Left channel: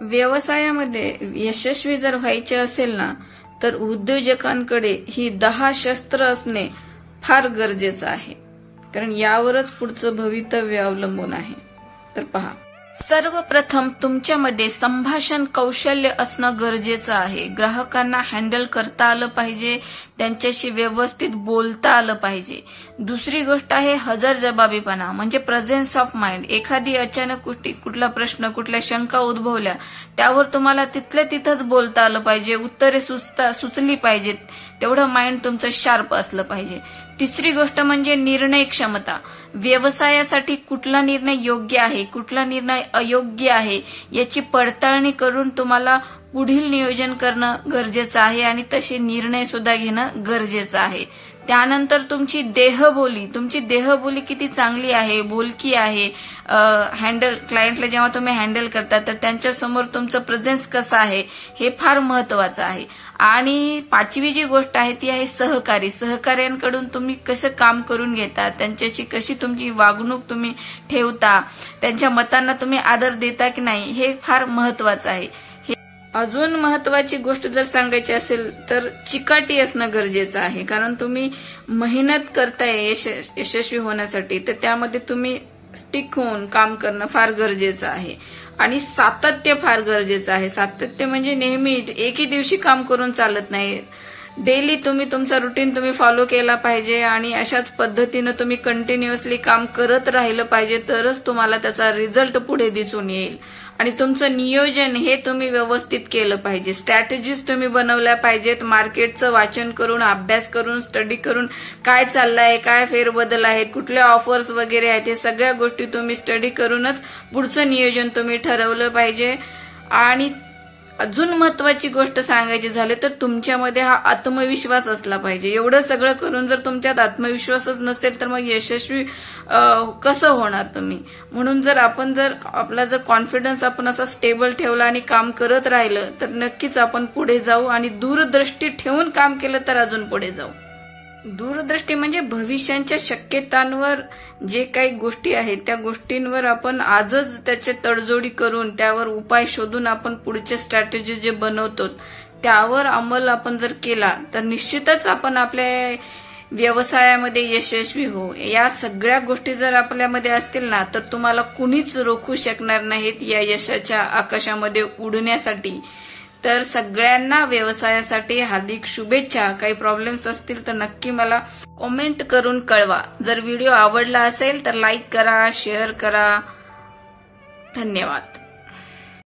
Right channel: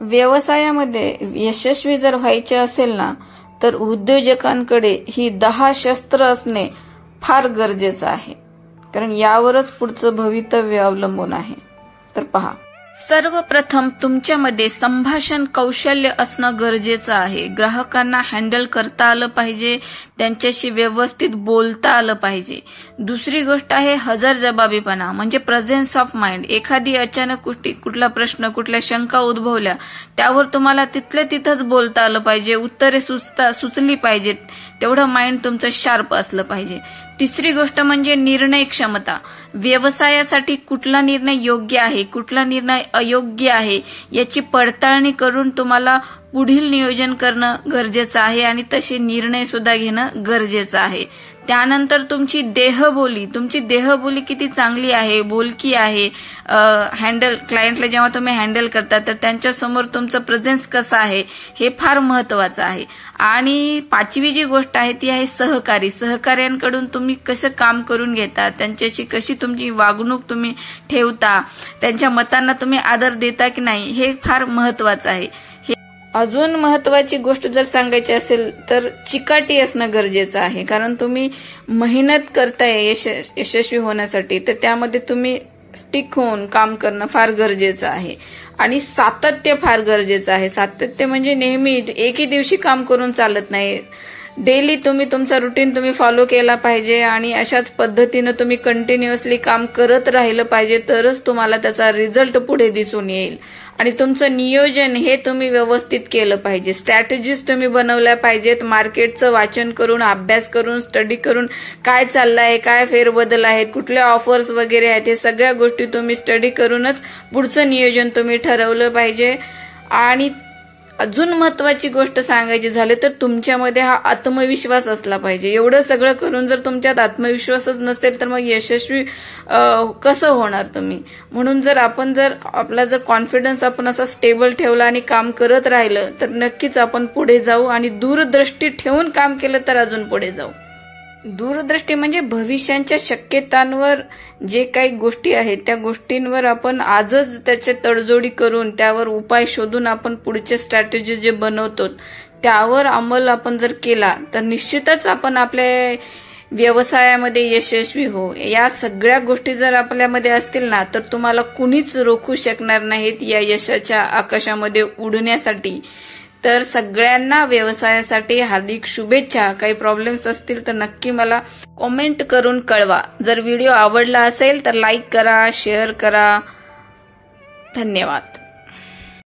व्यवसायामध्ये यशस्वी जर व्हायचे असेल ना, तर उद्योजकांकडे ही 10 शस्त्र असणे फार गरजेचं आहे, कारण यावरच पुढचं भवितव्य अवलंबून आहे. तर पहा, सर्वप्रथम तुमच्यामध्ये संभाषण कौशल्य असणं गरजेचं आहे. ग्राहकांना हँडल करता आलं पाहिजे, त्यांच्याशी व्यवस्थित बोलता आलं पाहिजे. दुसरी गोष्ट आहे हजरजबाबीपणा, म्हणजे प्रेझेन्स ऑफ माइंड. एखादी अचानक कुठला प्रश्न, कुठल्या शंका उद्भवल्या, त्यावर तुम्हाला तिथल्या तिथंच बोलता आलं पाहिजे, उत्तरे सुचली पाहिजेत, तेवढं माइंड तुमचं शार्प असलं पाहिजे. तिसरी गोष्ट म्हणजे निर्णय क्षमता. व्यवसायासाठी कुठला निर्णय योग्य आहे, कुठला निर्णय अयोग्य आहे याची पडताळणी करून तुम्हाला पुढील नियोजन करणं गरजेचं आहे आणि तसे निर्णय सुद्धा घेणं गरजेचं आहे. त्यानंतर तुमची देहबोली किती चांगली आहे, बोलकी आहे. क्लायंटला जेव्हा तुम्ही हँडल करता तर त्यांच्यासमोर तुमचं प्रेझेन्स कसं आहे हे फार महत्वाचं आहे. आणि 5वी जी गोष्ट आहे ती आहे सहकार्यांकडून तुम्ही कसं काम करून घेता, त्यांच्याशी कशी तुमची वागणूक तुम्ही ठेवता, त्यांच्या मतांना तुम्ही आदर देता की नाही, हे फार महत्वाचं आहे. अजून महत्वाची गोष्ट जर सांगायची असेल तर चिकाटी असणं गरजेचं आहे, कारण तुम्ही मेहनत करताय यशस्वी होण्यासाठी, तर त्यामध्ये तुम्ही स्टिक होऊन काम करणं फार गरजेचं आहे. आणि सातत्य फार गरजेचं आहे. सातत्य म्हणजे नेहमी एकही दिवशी काम करून चालत नाही. डेली तुम्ही तुमचा रुटीन तुम्ही फॉलो केला पाहिजे आणि अशाच पद्धतीनं तुम्ही कंटिन्युअसली काम करत राहिलं पाहिजे, तरच तुम्हाला त्याचा रिझल्ट पुढे दिसून येईल. आणि तुमचं नियोजन हे तुम्ही व्यवस्थित केलं पाहिजे. स्ट्रॅटेजीज तुम्ही बनवल्या पाहिजेत. मार्केटचं वाचन करून, अभ्यास करून, स्टडी करून, काय चाललंय, काय फेरबदल आहेत, कुठल्या ऑफर्स वगैरे आहेत, हे सगळ्या गोष्टी तुम्ही स्टडी करूनच पुढचं नियोजन तुम्ही ठरवलं पाहिजे. आणि अजून महत्वाची गोष्ट सांगायची झाली तर तुमच्यामध्ये हा आत्मविश्वास असला पाहिजे. एवढं सगळं करून जर तुमच्यात आत्मविश्वासच नसेल तर मग यशस्वी कसं होणार तुम्ही. म्हणून जर आपला कॉन्फिडन्स आपण असा स्टेबल ठेवला आणि काम करत राहिलं तर नक्कीच आपण पुढे जाऊ. आणि दूरदृष्टी ठेवून काम केलं तर अजून पुढे जाऊ. दूरदृष्टी म्हणजे भविष्याच्या शक्यतांवर जे काही गोष्टी आहेत त्या गोष्टींवर आपण आजच त्याचे तडजोडी करून त्यावर उपाय शोधून आपण पुढचे स्ट्रॅटेजी जे बनवतो त्यावर अंमल आपण जर केला तर निश्चितच आपण आपल्या व्यवसायामध्ये यशस्वी होऊ. या सगळ्या गोष्टी जर आपल्यामध्ये असतील ना तर तुम्हाला कुणीच रोखू शकणार नाहीत या यशाच्या आकाशामध्ये उडण्यासाठी. तर सगळ्यांना व्यवसायासाठी हार्दिक शुभेच्छा. काही प्रॉब्लेम्स असतील तर नक्की मला कॉमेंट करून कळवा. जर व्हिडिओ आवडला असेल तर लाईक करा, शेअर करा. धन्यवाद.